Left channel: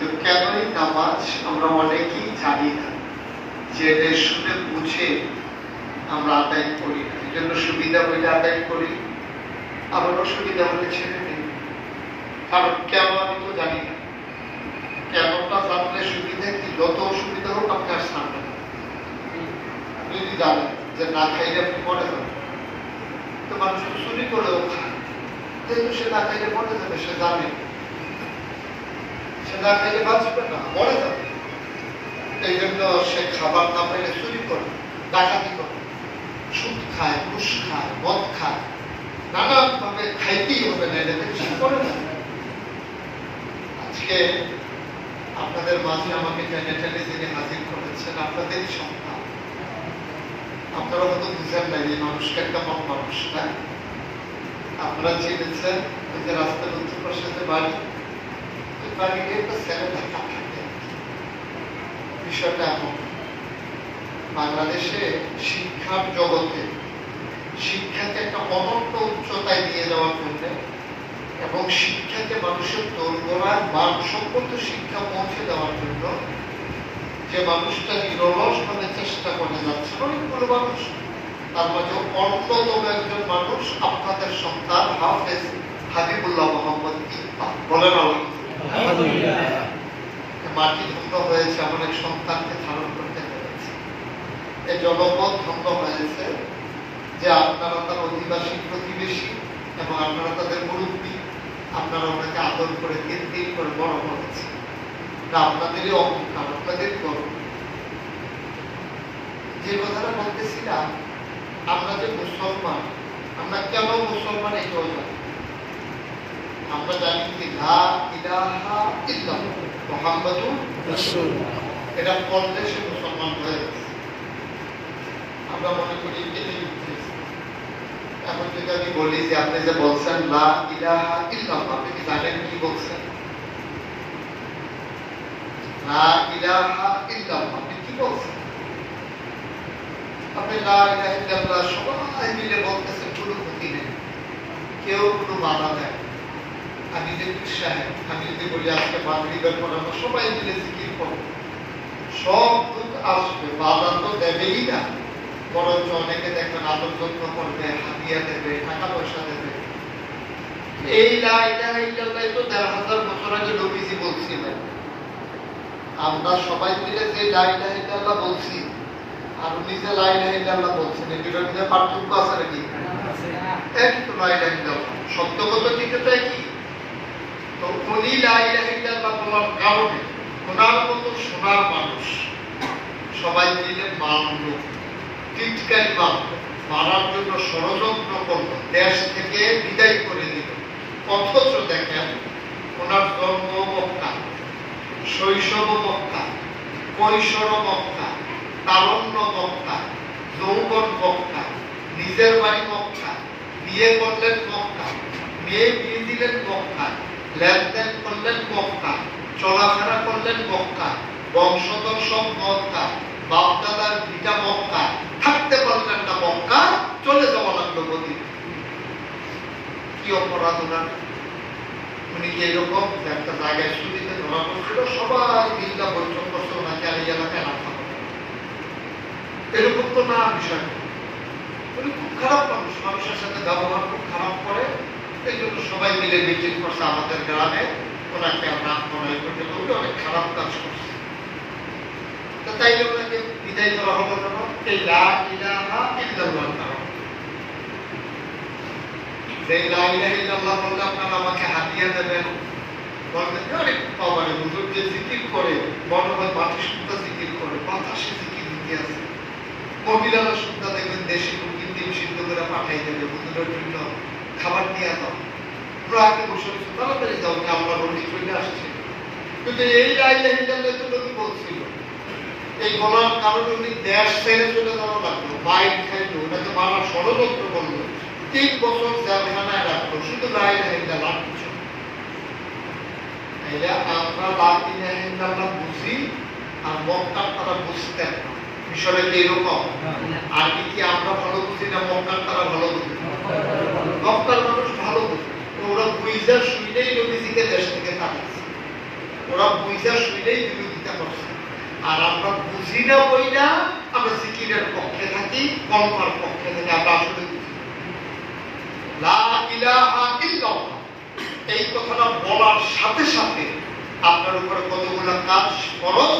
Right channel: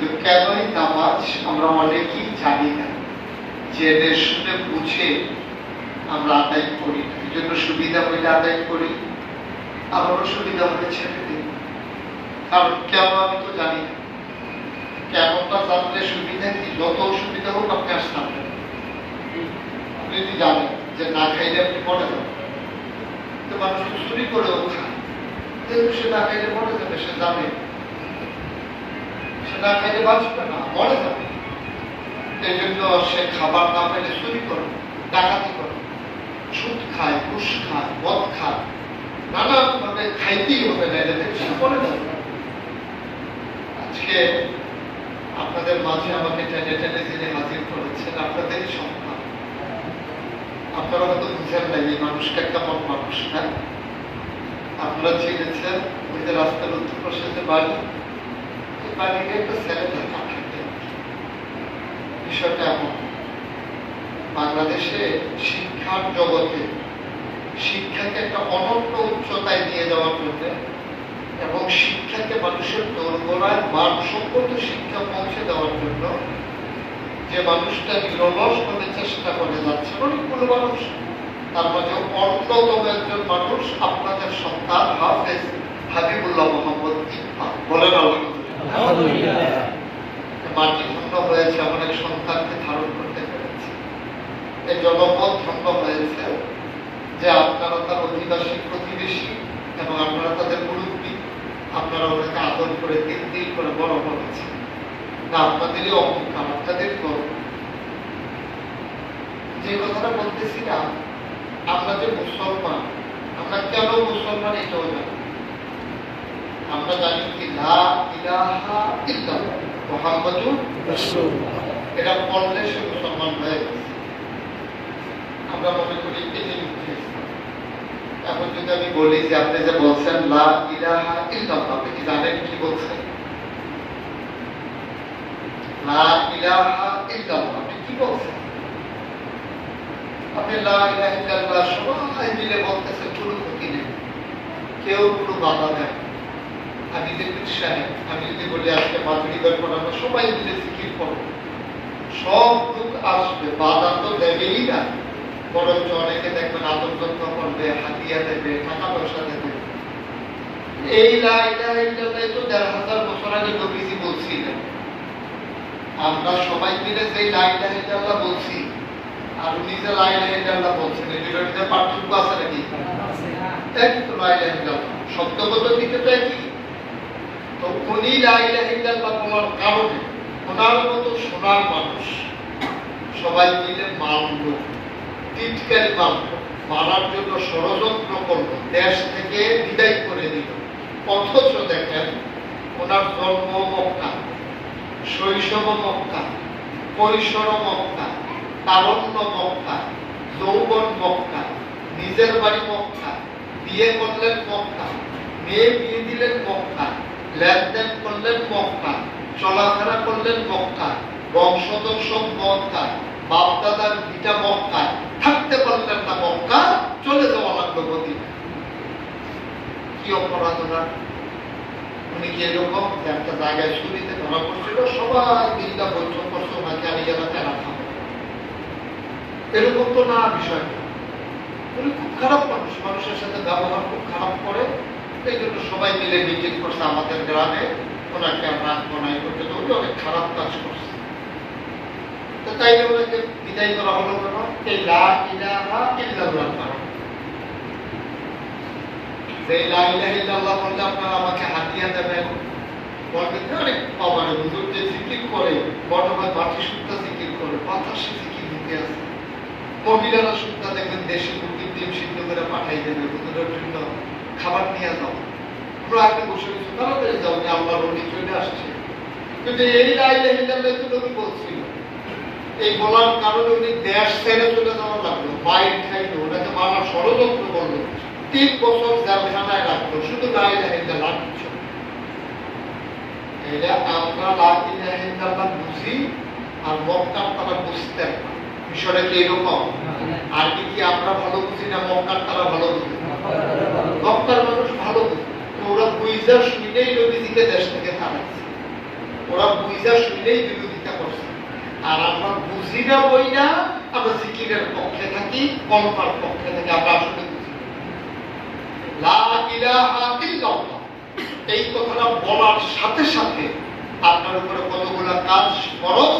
কিন্তু কেনই নামাজ আমরা অনেকেই জানি না, জেনে শুনে বুঝে আমরা আদায় করি, এই জন্য সুবিধা হলে আদায় করি, আবার অসুবিধা হলে ছেড়ে দিই। কারণ কেন আমি তো জানি না, কেনটা জানলে সুবিধা কি, যত অসুবিধা হোক আপনি আর সামনে। আপনি যদি জানেন যে না খাইলে আপনি মরে যাবেন, তো মানুষ তো চুরি করেও খায়, যেহেতু সে না খাইলে মরে যাবে, সে জানে সে না খাইলে বাঁচবে না, মরে যাবে, এই জন্য সে খাবার না খাইলে চুরি করে, ডাকাতি করে, সুদ খায়, ঘুষ খায়, মদ খায়, নানান ভাবে খাইতেই হবে না, এটা থেকে সে করে না। আজকে আপনাদের মাঝে আমাকে টেনে টেনে যিনি হাজির করেছেন আপনাদেরই সন্তান। আপনারা হয়তো বুঝেন না এই মানুষটা কেমন মানুষ, না? আপনারা চিনেছেন ওই যে রাস্তার উত্তর পাশে বাড়ি, এই বাড়ির একটা ছেলে ঢাকা থাকে। বিষয়টা এমন, বাংলাদেশে শিক্ষার জগতে শিক্ষাকে একটা অনন্য উচ্চতায় নিয়ে যাওয়ার জন্য এবং শিক্ষাকে মানুষের দোরগোড়ায় মানসম্মত শিক্ষা পৌঁছে দেওয়ার জন্য যে মানুষটা নিরলসভাবে চেষ্টা করে যাচ্ছে অনেকগুলো মানুষ, তার মাঝে অন্যতম একজন মানুষ আপনাদের সন্তান হাফেজ হাবিবুল্লাহ মোহাম্মদ ইকবাল। বলেন আলহামদুলিল্লাহ। মাটি ধন্য হয়েছে, এমন এক সন্তানকে ধারণ করতে পেরেছে। এই জনপদ ধন্য হয়েছে যে আপনারা তার অধিবাসী প্রতিবেশী এবং আপনারা তাদের মুরব্বী, আপনারা ওনাকে আদর করে দিন দিন করে বড় করেছেন। না, আপনাদেরই অহংকার, আপনাদেরই গর্ব। যে কথাটা বলতেছিলাম, আমরা যে মুসলমান, আমরা কেন মুসলমান এটাও জানি। আমরা জানি কি লা ইলাহা ইল্লাল্লাহ মুহাম্মাদুর রাসূলুল্লাহ, এটা পড়লে সে মুসলমান হয়ে গেছে। আমরা মনে করি এটাই উদ্দেশ্য। এখন যদি আমি বলি যে আপনি যে বলছেন লা ইলাহা ইল্লাল্লাহ, আপনি কি জানেন কি বলছেন? লা ইলাহা ইল্লাল্লাহ আপনি কি বলছেন? আপনি লা ইলাহা ইল্লাল্লাহ সবাই মিলে বলতেছেন, কোনো ক্ষতি নেই, কেউ কোনো বাধা দেয়। আমি যে সাহেব, আমি যদি বলি আজকে মাগরিবের পর আমরা সবাই মিলে জিকির করবো, সব লোক আসবে, বাধা তো দেবেই না, বরঞ্চ অনেকে দেখবেন আদর যত্ন করবে, হাতিয়া দেবে, টাকা পয়সা দেবে। এই লা ইলাহা ইল্লাল্লাহ তো ১,৫০০ বছর আগে নবীজি বলছিলেন। আমরা সবাই মিলে যে লা ইলাহা ইল্লাল্লাহ বলছি আর উনি যে লা ইলাহা ইল্লাল্লাহ বলছেন, এই দুটোর মধ্যে পার্থক্য আছে নাকি? একই তো লা ইলাহা ইল্লাল্লাহ, শব্দগত দিকে তো একই। তো উনি লা ইলাহা ইল্লাল্লাহ বলার কারণে ওনার মতো সোনার মানুষ সবাই মিলে মানল, টিটকারি মানল, মারার জন্য ষড়যন্ত্র করলো, দেশ থেকে বিদায় করে দিল। অথচ দেখেন ওনার জন্ম মক্কা, শৈশব মক্কা, কৈশোর মক্কা, তারুণ্য মক্কা, যৌবন মক্কা, নিজের বাড়ি মক্কা, বিয়ে করলেন মক্কা, মেয়ে বিয়ে দিলেন মক্কা, লেনদেন করলেন মক্কা, চলাফেরা করলেন মক্কা, বংশধর সব মক্কা, বাপদাদার ভিটা মক্কা, থাকতে পারলেন না মক্কা, চলে যাওয়া লাগলো মদিনা। কি অপরাধ ওনার? উনি কি এরকম একটা জায়গায় শুরুতে ধরা পড়ছিল, সবাই মিল্লা বৈঠক করছে ওনাকে আর এই এলাকায় রাখা হবে, এরকম তো না বিষয়। উনি খুব খারাপ মানুষ, মানুষের সাথে ব্যবহার খুব খারাপ করে, এই জন্য সবাই মিলে মিটিং করছে আমাদের গ্রামে, ওনাকে আমরা মনে করতে লোকে অনেক খারাপ কাজ করছে। তো তাই ওনাকে বিদায় করা হলো না, এই লা ইলাহা ইল্লাল্লাহর কারণে। যে লা ইলাহা ইল্লাল্লাহ বললে আপনারা আমাকে হাতিয়া দেবেন, বলবেন অনেক পাবানি হুজুর যে জিকির করে, বড় ভাই বাটি শুদ্ধা জিকির করে, বাতাসে জিকির দিতে আছে। মহিলারা শুদ্ধা দেখবেন দেশি মুরগির ডিম সিদ্ধ করে পাঠাই দেবে, হুজুরের জন্য খাবার নিয়ে যাও, পুরো আগে বসে বসে তাড়াতাড়ি যাও, যে আমরা রোগী চলে আসছে। কিন্তু এই লা ইলাহা ইল্লাল্লাহ তো নবী বলছিল, এই বলার কারণে উনি দেশ ছেড়ে চলে যাওয়া লাগলো, মাইর খাইলো, ওনাকে মারার ষড়যন্ত্র করলো, ৩ বছর জেলখানায় রাখলো, শুধু লা ইলাহা ইল্লাল্লাহ কিছু। তাহলে আমরা লা ইলাহা ইল্লাল্লাহ বুঝি আর মক্কার তারা বুঝতেন না, বিষয়টা কি এরকম? আর কি আমরা ভালো বুঝি না মক্কার তারা ভালো বুঝি? মক্কার মানুষ ভালো বুঝি, ওরা বুঝা শুনেই নবীজিকে দেশ থেকে তাড়াচ্ছে। ওরা বুঝা শুনেই বিরোধিতা করছে। আর আমরা বুঝি না বই না, আমরা জিকিরের পক্ষে থাকি, কলমার পক্ষে থাকি। আমরা আসলে লা ইলাহা ইল্লাল্লাহ এই কথাটা বলার সাথে সাথে আপনার উপরে কতগুলো কাজ ফরজ,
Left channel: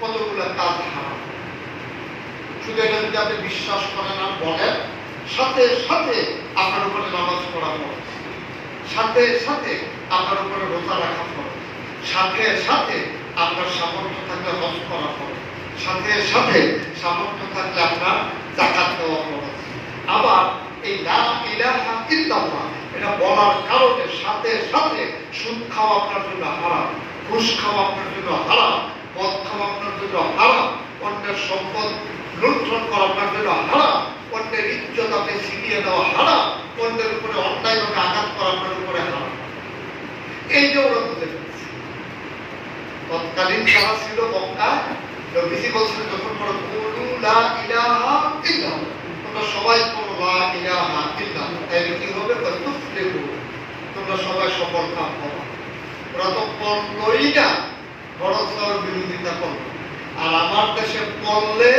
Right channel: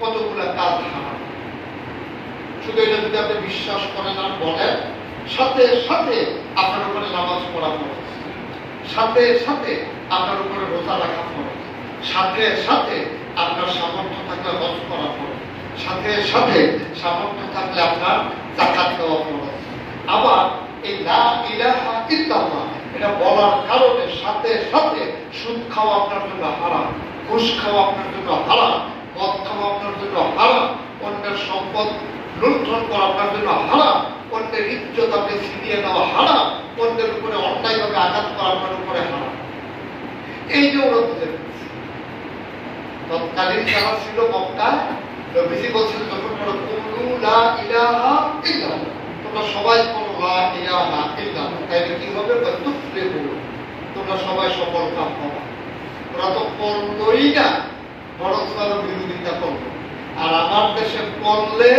কতগুলো কাজ হারাম। শুধু এটা যদি আপনি বিশ্বাস করেন আর বলেন, সাথে সাথে আপনার উপরে নামাজ পড়া ফরজ, সাথে সাথে আপনার উপরে রোজা রাখা ফরজ, সাথে সাথে আপনার সামর্থ্য থাকলে হজ করা ফরজ, সাথে সাথে সামর্থ্য থাকলে আপনার যাকাত দেওয়া ফরজ। আবার এই লা ইলাহা ইল্লাল্লাহ এটা বলার কারণে সাথে সাথে সুদ খাওয়া আপনার জন্য হারাম, ঘুষ খাওয়া আপনার জন্য হারাম, মদ খাওয়া আপনার জন্য হারাম, অন্যের সম্পদ লুণ্ঠন করা আপনার জন্য হারাম, অন্যের ইজ্জত আপনি ছিনিয়ে নেওয়া হারাম, অন্যের উপরে অন্যায়ভাবে আঘাত করা আপনার উপরে হারাম। এই যে ওরা বুঝে ফেলছে। তৎকালীন যারা ছিল মক্কায়, নবীজি বলছেন যখন ওরা কুলু লা ইলাহা ইল্লাল্লাহ, তোমরা সবাই বলো লা ইলাহা ইল্লাল্লাহ, তাইলে কি হবে? তুফলিহু, তোমরা সবাই সফল কাম হবে। ওরা তো বললই না, বরং তারা বিরোধিতা করলো। আর আমার দেশে বললে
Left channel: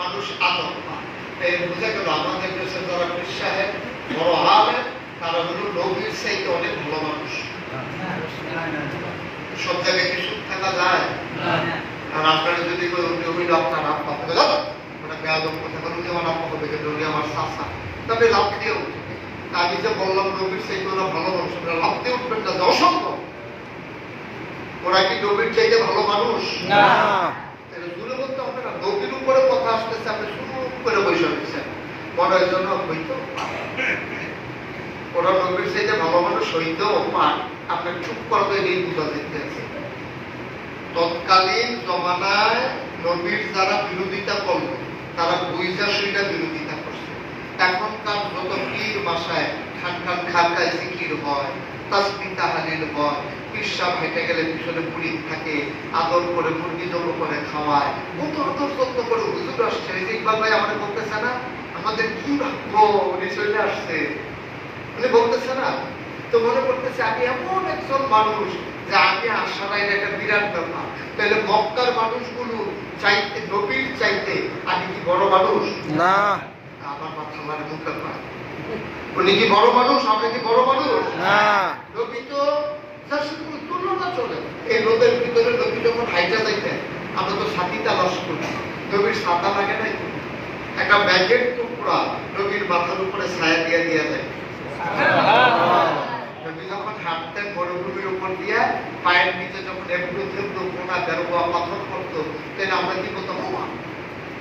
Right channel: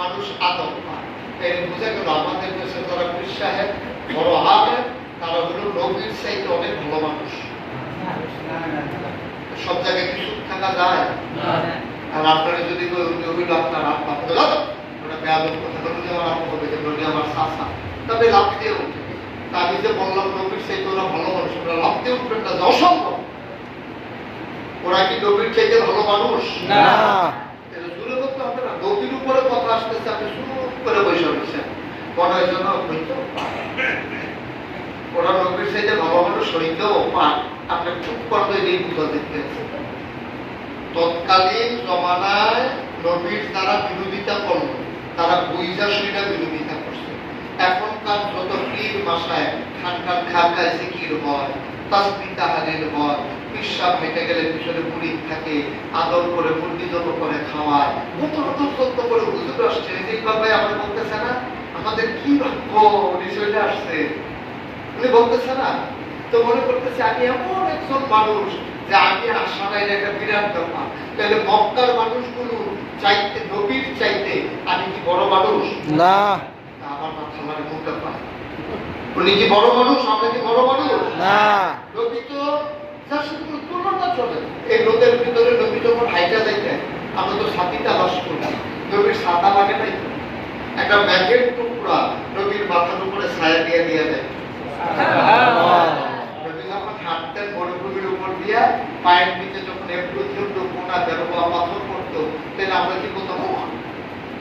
মানুষ আতঙ্ক পায়। এই বুঝে গেল আমাদের দেশে যারা পীর সাহেব, বড় আলেম, তারা হলো নবীর চাইতে অনেক ভালো মানুষ। সব জায়গায় কিছু থাকা যায়। আর আপনারা যদি হইল আপনার আত্মা ওটা বেয়াদব কথা বলে যে আমার আত্মা হবে নবী আমার শাসা, তবে লাভ দিয়ে উঠবে। আমি যে বললাম নবীর চাইতে ওরা ভালো মানুষ, ওরা লাভ দিয়ে উঠবেন না, অসম্ভব। ওরা কি নবীর চাইতে ভালো মানুষ? না। জুলে বলতে হবে না, নবীর উপরে কথা আসতেছে, আপনি চুপ করে বসে রয়েছেন, মনের জন্য হইতো ওরা নবীর চাইতে ভালো মানুষ হইতেও পায়, আপনার চুপ করতে এই বুঝা যেতেছে। তৎকালীন জমানায় নবীর যারা বিরোধিতা করলো, তারা বুঝা শুনে বিরোধিতা করছে। এখনকার যত পীর মাসায় খান খানকায় জিকির হয়, তাসবিহ তাহলিল হয়, পিসাব হেঁটে গেলে পিছনে মুড়ি থাকে, আদর করে মুরগি জন্য করে খাওয়ায়, কত আদর যত্ন করে হুজুর আসছে। ইকবাল ভাই আমাদের বলতেছে না, আমাদের কি ভাগ্য উনি চলে আসছে, উনি বলতেছে না, তো মনে করতেছে আমি এমন একজন মানুষ যে আমি আসা নাই, একটা বিরাট ব্যাপার। তাহলে মক্কার মানুষগুলো চাইতে, নবীর চাইতে আমি কি বড় মানুষ? না। আমার মাথা মানে মুখে পায়, উনি কি বড় মানুষ? আমি কি বড় মানুষ? না। নবী তো যার সাথে কোনো তুলনা চলে। এই রোদের ভিতরে নবী যখন হাইটা যাইতেন, আমরা তো সাথী তালাশ করি, নবীর ছাতা লাগে নাই, একটা ব্যাগের টুকরা নবীর মাথার উপরে ছায়া দিয়ে দিয়ে দেয়। নবী যখন হাঁটতেন মরুভূমির উপর দিয়ে, পায়ের নিচে যখন এবড়ো থেবড়ো কোনা বেরোবা পাথর পড়তো, তাহলে আমরা কি বলতাম,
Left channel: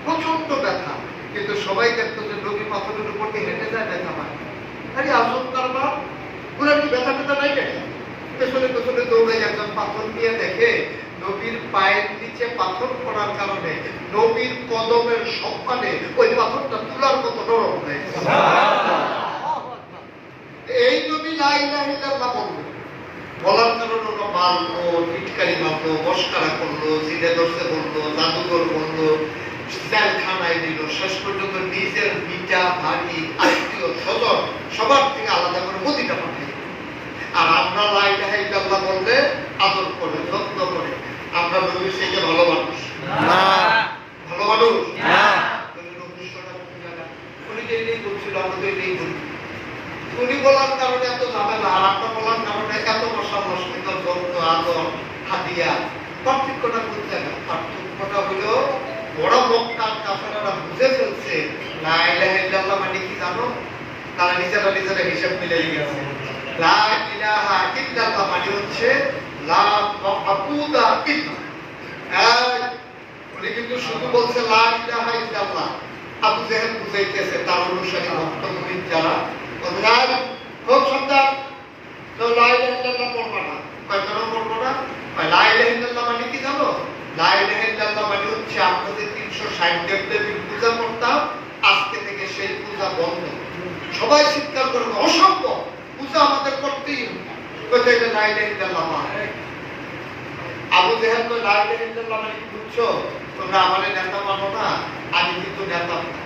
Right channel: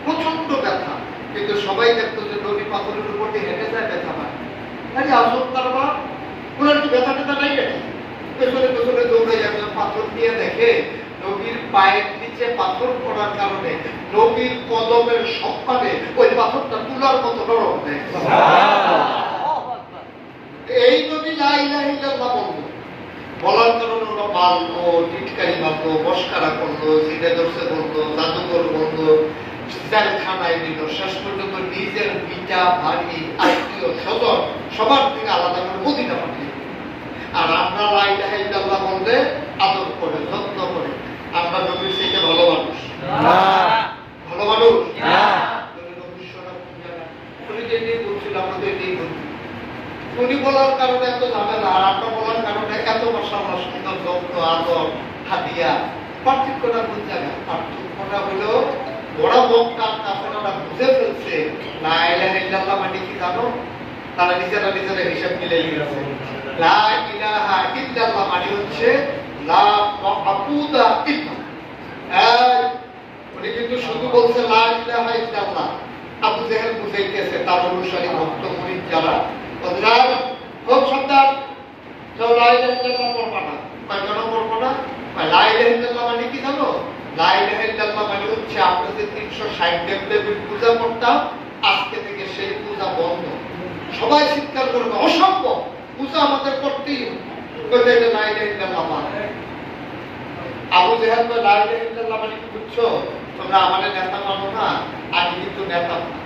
প্রচন্ড ব্যথা। কিন্তু সবাই দেখতো যে নবী পাথরের উপর দিয়ে হেঁটে যায়, ব্যথা পায়। আরে আসল তার বা ওরা কি ব্যথা ব্যথা নাই গেছে, পেছনে পেছনে দৌড়াই একজন পাথর দিয়ে দেখে নবীর পায়ের নিচে পাথর পড়ার কারণে নবীর কদমের সম্মানে ওই পাথরটা তুলার মতো নরম হয়ে গেছে। এই নবী লা ইলাহা ইল্লাল্লাহ বলল, বলার কারণে ওরা মারলো, টিটকারি মারলো, মস্কারা করলো, জিনে দর্শে বললো, জাদুঘর বললো, জেলখানায় দিল, শেষ পর্যন্ত নিজের পিতা ভাগি আত্মীয় স্বজন সবার থেকে আলাদা করে মদিনা পাঠিয়ে। আর আমরা লা ইলাহা ইল্লাল্লাহ বললে আদর করে, যত্ন করে। আমরা নবীর থেকে ভালো মানুষ না, ভালো মানুষ না। উনি যে নিয়ে বলছিল, আমাদের নিয়ে বলি, উনি বলার কারণে এত ঝামেলা, আর আপনার বলার কারণে এত মশামাস, যত্ন, আদর, হাদিয়া। পার্থক্যটা কোন জায়গায়? পার্থক্যটা হলো ওরা মক্কার কাফেররা বুঝে ফেলছে লা ইলাহা ইল্লাল্লাহ মানে কি জানো? তারা নিজেরা নিজেরা হিসাব মিলাই গেছে। লা ইলাহা ইল্লাল্লাহ মানে হচ্ছে লা মাবুদা ইল্লাল্লাহ। উনি কিন্তু শুধু বলছে লা ইলাহা ইল্লাল্লাহ। আবু জেহেল বুঝাইতেছে তার অনুসারী ভক্ত মুরিদ যারা, বললেন খুব সুন্দর, তো লা ইলাহা ইল্লাল্লাহ পড়বা না। কয় কেন পড়বো না? লা ইলাহা ইল্লাল্লাহ মানে কি জানো? লা ইলাহা ইল্লাল্লাহ মানে হচ্ছে আমরা যে 360 দেবদেবীর পূজা করতাম, আজকে থেকে সেই পূজা বন্ধ। সবাই চিৎকার করবে, অসম্ভব, পূজা আমাদের করতেই হবে। লা ইলাহা ইল্লাল্লাহ মানে আবু জেহেল তো লা ইলাহা ইল্লাল্লাহ মানে কি বুঝছো? তোমরা আমাদের নেতা মানো না, আমি কিন্তু নেতা না।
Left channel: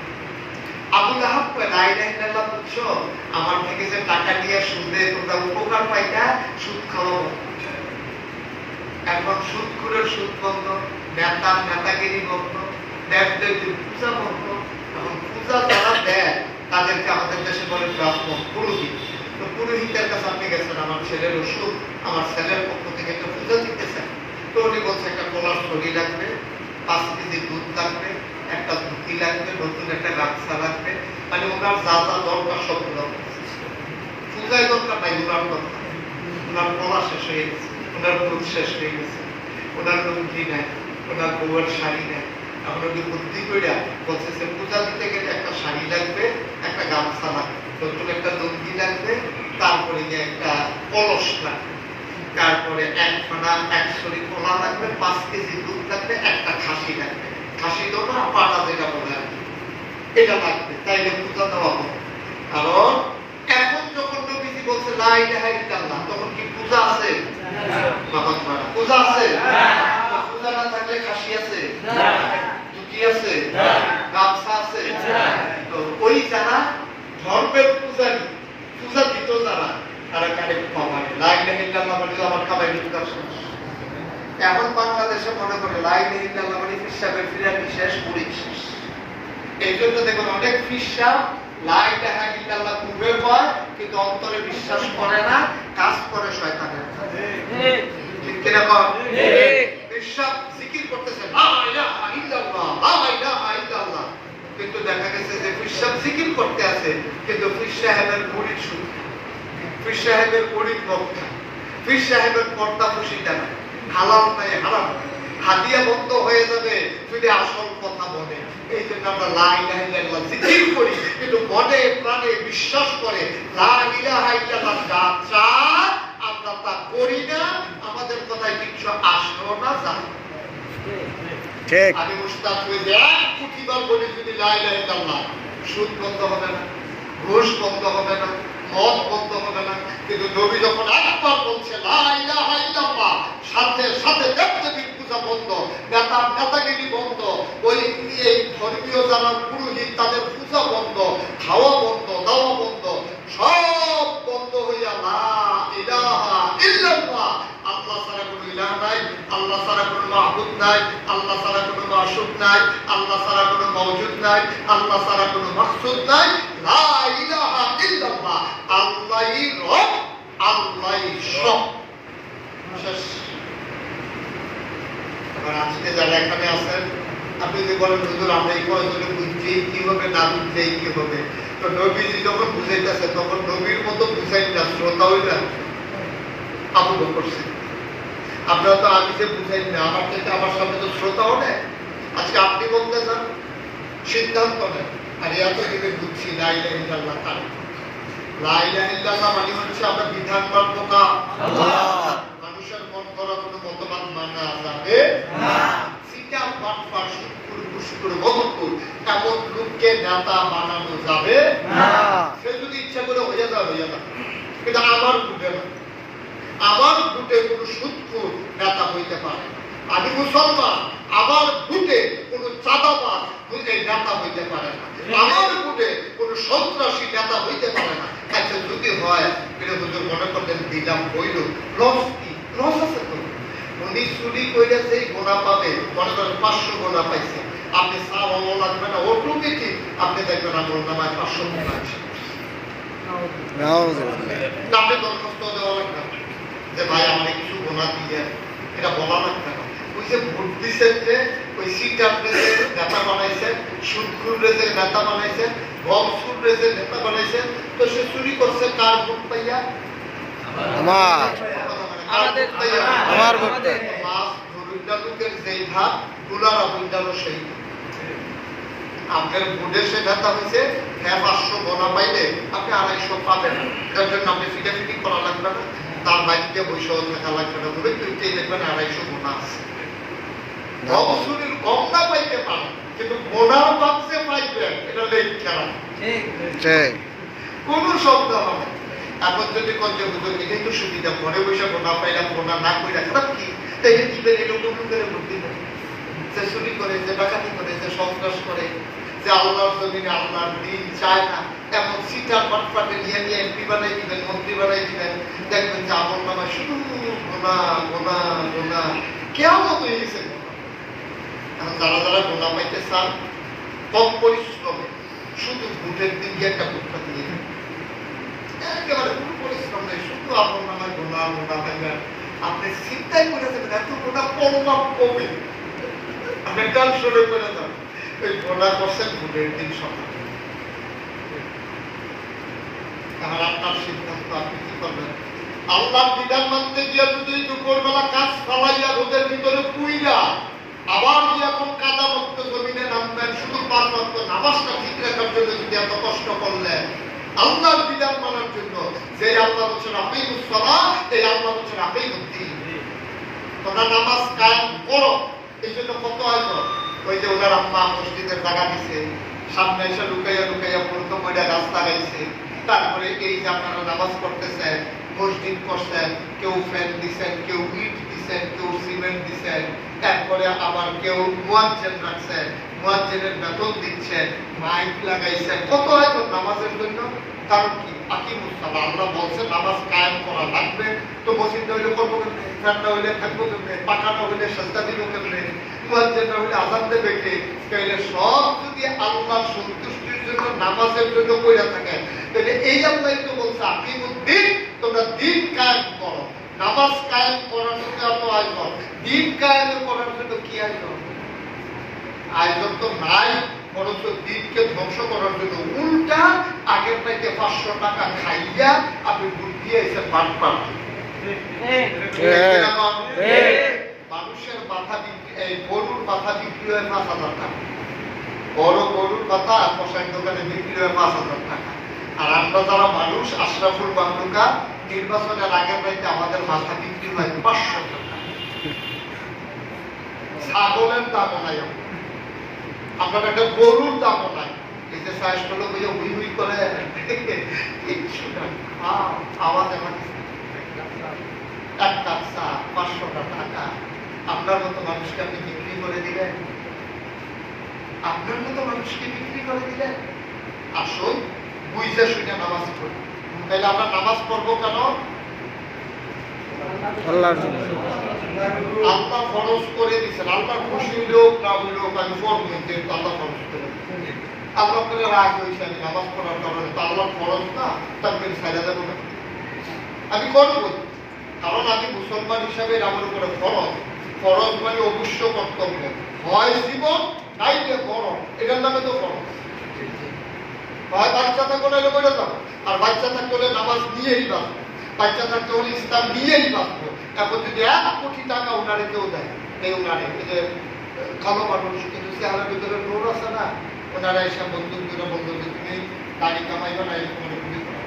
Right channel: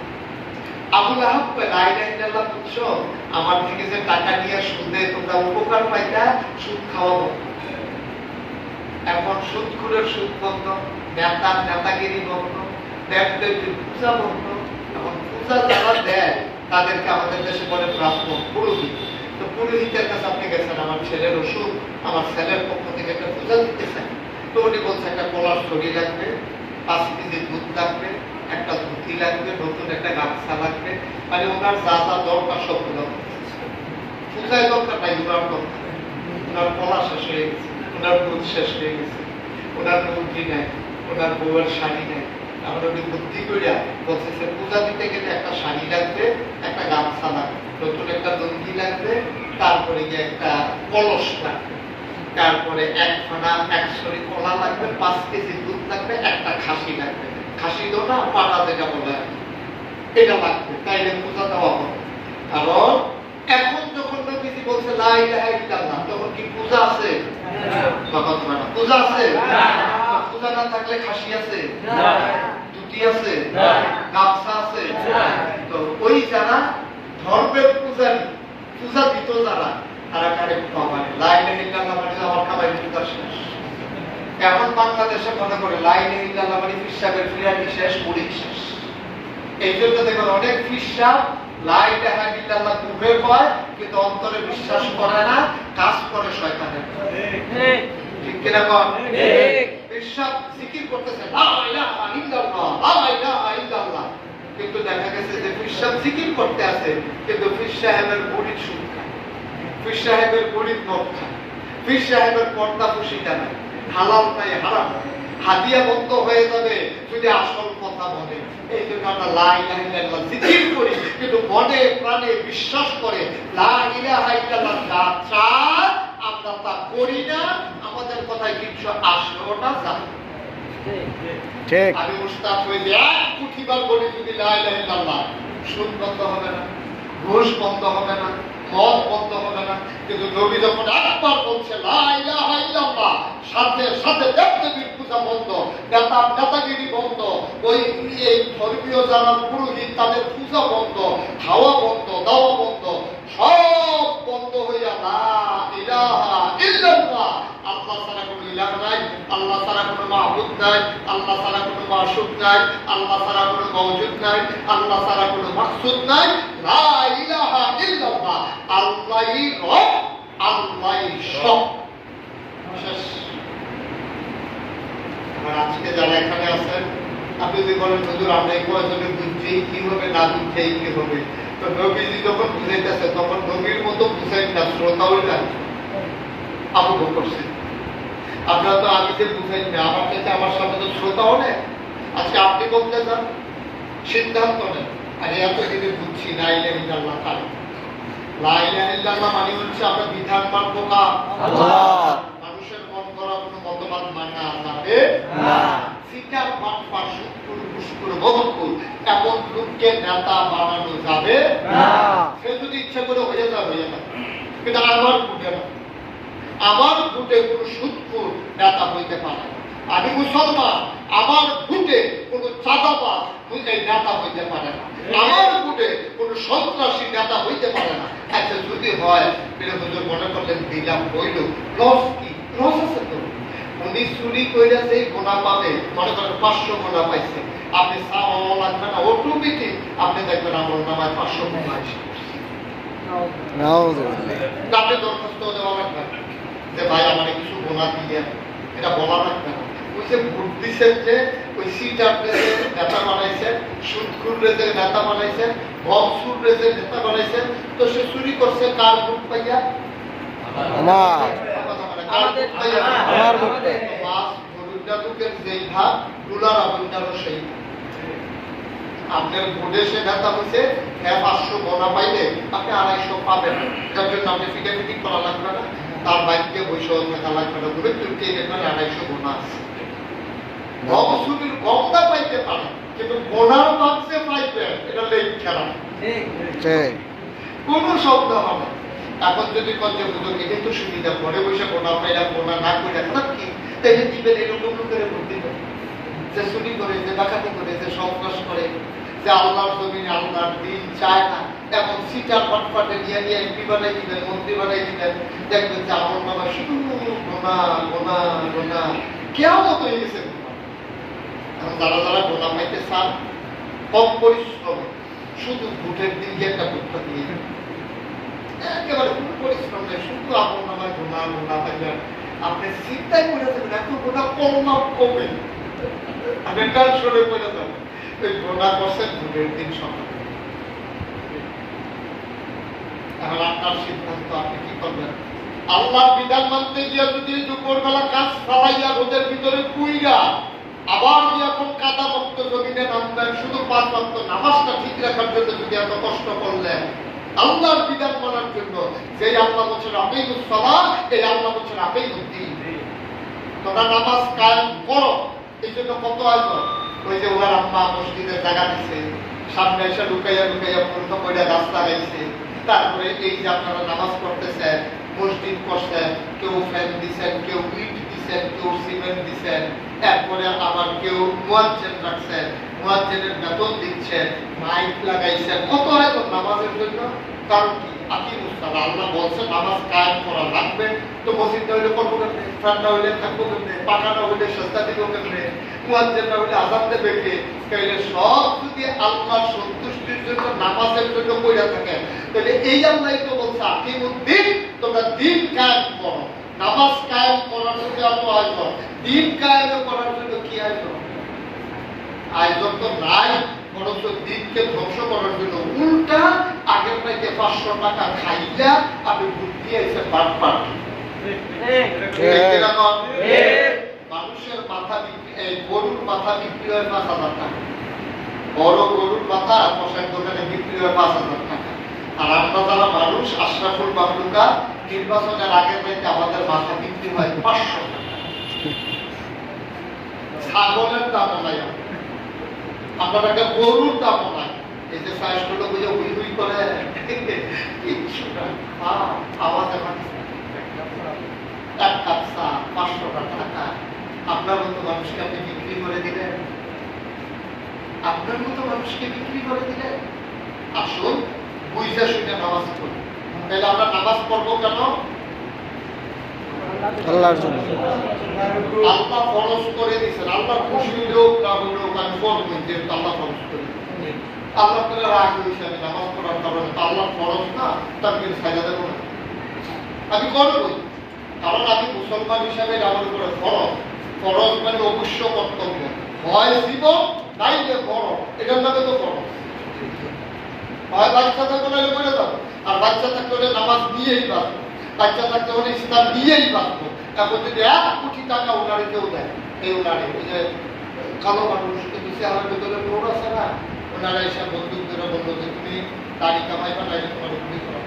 আবু লাহাব লা ইলাহা ইল্লাল্লাহ বুঝছো? আমার থেকে যে টাকা নিয়ে সুদে তোমরা উপকার পাইতা, সুদ খাওয়াবো। এখন সুদখোরের সুদ বন্ধ, নেতা নেতাগিরি বন্ধ, দেবদেবীর পূজা বন্ধ। এখন পূজা যারা দেয় তাদেরকে আমাদের দেশে বলে ব্রাহ্মণ, পুরোহিত। তো পুরোহিতের কাছে আপনি গেছেন, আমার ছেলের অসুখ, আমার ছেলের পক্ষ থেকে একটা পূজা দিতেছেন। তো উনি বলছে একটা কলার ছড়ি লাগবে, 5 কেজি দুধ লাগবে, একটা ধুতি লাগবে, নতুন একটা গামছা লাগবে, মানে ওনার যা যা দরকার সবগুলো পূজায় দরকার নাই, ওনার দরকার। ওনার কলা শেষ হয়ে গেছে, ওনার দুধ শেষ হয়ে গেছে, ওনার লুঙ্গি নেয়, ওনার বউয়ের শাড়ি নেয়। আমরা ওকে বুদ্ধি করিয়া বলতেছে পূজা দিতে গেলে একটা শাড়ি লাগবে, একটা গামছা লাগবে, নতুন একটা লুঙ্গি লাগবে, তারপরে গিয়ে একটা কলস লাগবে, তারপরে 1 ফোনা 1 ছড়ি কলা লাগবে, 5 কেজি দুধ লাগবে, একটা খাসি লাগবে। খাসি তো না, পাটা যেটা বলে আর কি, এটা লাগবে, তাইলে পূজা দেওয়া হবে। কারণ এখন যখন নবীজি বলছে লা ইলাহা ইল্লাল্লাহ, তখন কি পূজা আছে? বাবা তোমার পূজা আছে? পূজা না থাকলে খাসি আছে? ধুতি আছে? গামছা আছে? তো ওই যারা ধর্মের পূজারী, পূজা দিত যারা, তারা কারেক্ট পাবায় লা ইলাহা ইল্লাল্লাহ মানে আমার কাবাই পূজা শেষ। এখন বাংলাদেশে মনে করে লা ইলাহা ইল্লাল্লাহ মানে ফিরসাবের ফিরানি শেষ, মুড়ি শেষ। এই জন্য দেখবেন অনেক ফিরসা লা ইলাহা ইল্লাল্লাহ মুখে কয় কিন্তু অন্তরে বিশ্বাস করে না, কাজ করে শয়তানের। ঠিক কিনা কন? ঠিক। ফিরসা জিকির করতেছে লা ইলাহা ইল্লাল্লাহ, লা ইলাহা ইল্লাল্লাহ, কিন্তু দেখা গেছে যে ফিরসা জিকির করতে আছে কিন্তু ফির সাহেবের মুড়ি শুনে, ফির সাহেবের মুড়ি বক্তা, ফির সাহেবের পর্দা ফুসিটা না, হালাল নাই হারাম, হাদিয়া বন্ধ হয়ে যাবে যদি আসল কথা বলে। এই জন্য আমরা লা ইলাহা ইল্লাল্লাহ জিকির করি কিন্তু মনে প্রাণে বিশ্বাস করে লা ইলাহা ইল্লাল্লাহ যা চাই আমরা তা করি না, আমাদের কথায় কিছু আসেও না যায়। ঠিক। আমি উস্তাদ হয়ে যে 1 কোটি বার বলি যদি লা ইলাহা ইল্লাল্লাহ, সুদ বন্ধ হবে না, ঘুষ বন্ধ হবে না, মদ বন্ধ হবে না, কিন্তু নবী যখন একবার বলছে লা ইলাহা ইল্লাল্লাহ, সাথে সাথে দেবদেবীর পূজা বন্ধ, নেতাগিরি বন্ধ, ওই এই ধর্মীয় যারা পুরোহিত তাদের পূজা বন্ধ, খাওয়া বন্ধ, দাওয়া বন্ধ, সব বন্ধ হইয়া লা ইলাহা ইল্লাল্লাহ, আল্লাহ ছাড়া কোনো ইলাহ নাই, আল্লাহ ছাড়া কোনো মাহবুদ নাই, আল্লাহ ছাড়া কোনো মাশুক নাই, আল্লাহ ছাড়া কোনো মওজুদ নাই, আল্লাহ ছাড়া কোনো মাকসুদ নাই, লা ইলাহা ইল্লাল্লাহ, আল্লাহই রব, আল্লাহই সব। শেষ। আর আজকে যারা এখানে আছেন, আপনি যদি বলেন হুজুর আমরা এই কয়জনে বুঝছি কি হবে, না বুঝছি কি হবে, তো নবীজি যখন বুঝাইতেছে তখন নবীর মতো বুঝাই না, শ্রোতাও না। আবু বকর সিদ্দিক, আপনারা তো আমি যে বুঝাই না, আমার থেকে আমার সামনে তো শ্রোতাও নেই। আজকে আপনি বলতে চান, সিদ্ধান্ত নেন, আর এত দিকে বুঝছি লা ইলাহা ইল্লাল্লাহ কার। লা ইলাহা ইল্লাল্লাহ মানে হচ্ছে আমরা বিধান মানব না, আল্লাহ। মানুষের মন করা কোনো মতবাদ মানা যাবে না। সিটার বাটপার সুদখোর ঘুষখোর মদখোর এমন লোককে নেতা বানানো যাবে না। সে যদি ইচ্ছা করে হয়ে যাবে, কিন্তু আমার বুঝে না, আমার ভোটে কোনো সুদখোর নেতা হইতে পারে না। আমি মুসলমান, আমার ভোটে কোনো চাঁদাবাজ এই নেতা হইতে পারে না, আমার ভোটে কোনো সন্ত্রাসী নেতা হইতে পারে না। আচ্ছা যদি হয়, এটা হুজুর মনে করলেন দিলাম হইল, লস কি? লস আছে তো। উনি চুরি করে যেই গোনা পাবে, মনে করেন 500 গোনা পাইছে, আপনি চাওয়াও লাগবে না, অটোমেটিক আপনি দেখবেন আমার নামায় 500 গোনা আছে। আপনি দরখাস্ত দেওয়া লাগবে যে ভাই আমাকে কিছু গোনা দিয়ে, এটা বলা লাগবে না। ওই যে ভোট দিচ্ছেন, যে ওই সিটার নেতা বানাইছেন, সুদখোর যে নেতা বানাইছেন, ঘুষখোর যে নেতা বানাইছেন, তো সে চুরি করছে কার ভোট পাইয়া? আমার ভোট পাইয়া। লোকের যেই ভাগ ডুলার আবুলদারও সেই ভাগ। আপনার ভোটে সে নেতা হয়েছে, হ্যাঁ 500 গোনা পাইলে আপনি 250 পাবেন, তার জন্য আপনি ফিটাফিটি করা লাগবে না, তার বাইককে বৈশাখ থাকা লাগবে না, বলে তুলতে দেখবেন 250 গোনা আছে। গমটা পাইতে পারে কিন্তু গোনার বাক্সে পাইবেন, এটা লেখ খেলা, কোন শব্দ হবে। এখন যদি কঞ্চে বুঝুন এটাই তো সুবিধা, ঘরে বসে গোনা পাইলাম, গোনা না করে খারাপ কি? তাই কি করে এটা নতুন করে ভোট দিতে, যে চুরি করে, যে ডাকাতি করে, যে সন্ত্রাস করে, যে আল্লাহর জমিনে আল্লাহর দিন চায় না, এমন সিটার পাটপাটে নিয়ে নিয়ে এমপি বানাই দিবেন, মন্ত্রী বানাই দিবেন, দেখবেন যে আমল নামায় শুধু গোনা গোনা গোনা কেয়ামত হয়ে গেছে। এখন যারা যারা গোনা পাইতে চান কম পরিশ্রম, শুধু ভোটের দিন গিয়ে একটা ভোটটা দিয়ে দেবেন, একেবারে কোনো পরিশ্রম নেই, শুধু আমল নামায় গোনা গোনা পাইবেন। আপনি চিন্তাই করে দেবেন এত গোনা করলাম কমে, আপনি টেনশনে করে যাবেন ওই গোনা করছেন ভোটের দিন সকালে। তাহলে আপনার সিদ্ধান্ত, আপনি কি করবেন? আল্লাহর বিধান মানতে গিয়ে যদি দুপুরবেলা কাজ ফালাইয়া রোদের ভিতরে পুইরা আবার যে এখন কাদা মুক্ত জমিনে নামবেন শুধু 5 ওয়াক্ত নামাজটা ঠিক রাখার জন্য যদি এত কষ্ট করলেন, আল্লাহর বিধান মানার জন্য, যে আল্লাহ বলছেন আকিমুস সালাত, এই আল্লাহ বলছেন আকিমুদ্দিন, তোমরা নামাজ কায়েম করো। এই জন্য কত আয়োজন, ওই যে ওনার আম্মা মসজিদের জায়গা দিছে, সামনে এসে লুকাইয়া লুকাইয়া পর্যন্ত কইরা গাছ লাগাইছে। তারপরে এই যে আপনারা নামাজ পড়তেছেন, মসজিদ করছেন, কেউ ফ্যান দিচ্ছেন, কেউ ইট দিচ্ছেন, কেউ সিমেন্ট দিচ্ছেন, এরপরে আবার কেউ মুয়াজ্জিন রাখছেন, মুয়াজ্জিনের বেতন দিচ্ছেন, মাইক লাগাইছেন, কত আয়োজন নামাজের জন্য। কারণ কি? আকিমুস সালাত, আল্লাহ বলছেন নামাজ কায়েম করা লাগবে। তো মসজিদটা হইলে করবো কেমনে, ফ্যানটা হইলে থাকবো কেমনে, পাখাটা হইলে সেজদা দিব কেমনে, মুয়াজ্জিনটা হইলে আযান দেবে কে? তাহলে সব যদি আল্লাহর সন্তুষ্টির জন্য নামাজের জন্য কইরা থাকেন, তাহলে এই আল্লাহই তো বলছে আকিমুদ্দিন, তোমরা দিন কায়েম করো। নামাজ কায়েম করার জন্য এত আয়োজন, দিন কায়েম করার জন্য কি আয়োজন? আয়োজন তো নাই, বরঞ্চ দিনকে ধ্বংস করার জন্য উল্টা আগের থেকে 500 টাকা খাইয়া আপনি ভোট দিয়ে এসে বাদ পান। মানুষের মাথা বিক্রি, এই গরুর মাথা বিক্রি হয় 5,000 টাকা, বড় গরুর মাথা কষাই দোকানে বিক্রি হয় 5,000 টাকা। আর আমরা যারা মানুষ আশরাফুল মাখলুকা, নির্বাচনের আগের থেকে আমাদের মাথা বিক্রি হয় 500 টাকা। ছাগলের দামও নাই, আপনার একটা গরুর দামও নাই। এই যে চাষগুলো বুঝে হুই হুই করে কিচ্ছু নাই, আওয়াজ আমার এক কাপ চা 500 টাকা। আপনার মতো মানুষকে আপনি বিক্রি করে দিলেন, আপনার মতো মানুষকে বিক্রি করে দিলেন। আসুন বুঝে শুনে নামাজ পড়ি। তাহলে আমরা নামাজ পড়বো কেন? আল্লাহর জন্য। আল্লাহ ফরজ করে দিয়েছেন, আল্লাহ খুশি হইলেও না হইলেও আমি পড়বো, যেহেতু আল্লাহ ফরজ করে দিয়েছেন। আল্লাহ করে রাগ হয়েছে আমি নামাজ পড়ার কারণে, তো আল্লাহ ফরজ না, তার কিন্তু সাজা দেবো না, আমি করবই। কারণ আমি মুসলমান হিসাবে আমার উপরে ফরজ, ফরজ মানে অবশ্য কর্তব্য, হয় জীবন নাইলে ফরজ, এটার নামে তো ফরজ। হয় বাচ্চা থাকলে এলে করে যাবো, আর বাচ্চা থাকতে হলে নামাজ নিয়েই বাঁচবো, বাচ্চা থাকতে হলে ইসলাম নিয়েই বাঁচবো। এখন যদি 1 কোটি টাকা ওনারে কেউ দেয়, এই ওনারে ওই যে কালো মানুষ কিন্তু চেহারার ভেতরে নোর আছে না, ওনারা এসে বন্দুক দিয়ে বললো যে তুমি দাড়ি কামাইবা না, তোমার গুলি করা।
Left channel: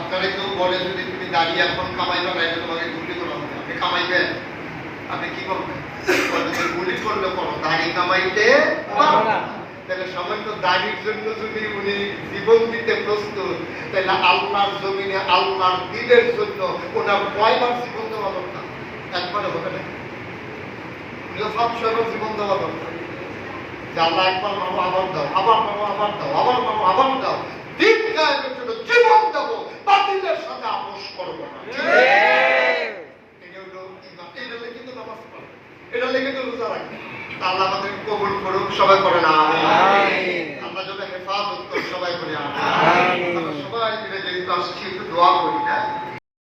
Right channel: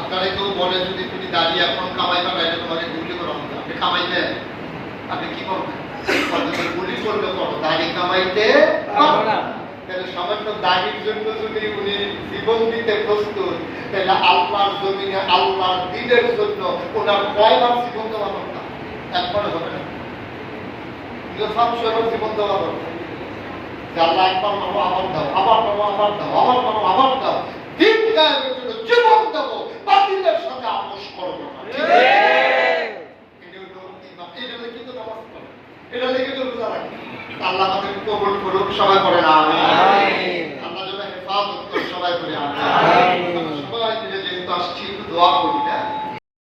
আপনারা কেউ বলে যদি তুমি দাড়ি এখন কামাইবা না, তোমাকে গুলি করা হবে, আপনি কামাইবেন, আপনি কি করবেন? গুলি করবে করো, দাড়ি কামাইতে পারো না। তাহলে সামান্য দাড়ির জন্য যদি উনি জীবন দিতে প্রস্তুত, তাহলে আল্লাহর জমিনে আল্লাহর দ্বীনের জন্য ওনার কয়বার জীবন দেওয়া দরকার? একবারে হবে না, 500 জীবন দেওয়া দরকার। আল্লাহ একবার মানো, আবার দাও, আবার মানো, আবার দাও, আবার মানো, আবার দাও। দিন কায়েমের জন্য জীবন দেব, বাতিলের সাথে আপোষ করবো না। এটা হলো কিন্তু নামাজ পড়ে, এটা লেগে তো রোজা রাখে। আল্লাহ আমাদের কবুল করুক, সবাই পড়ে না।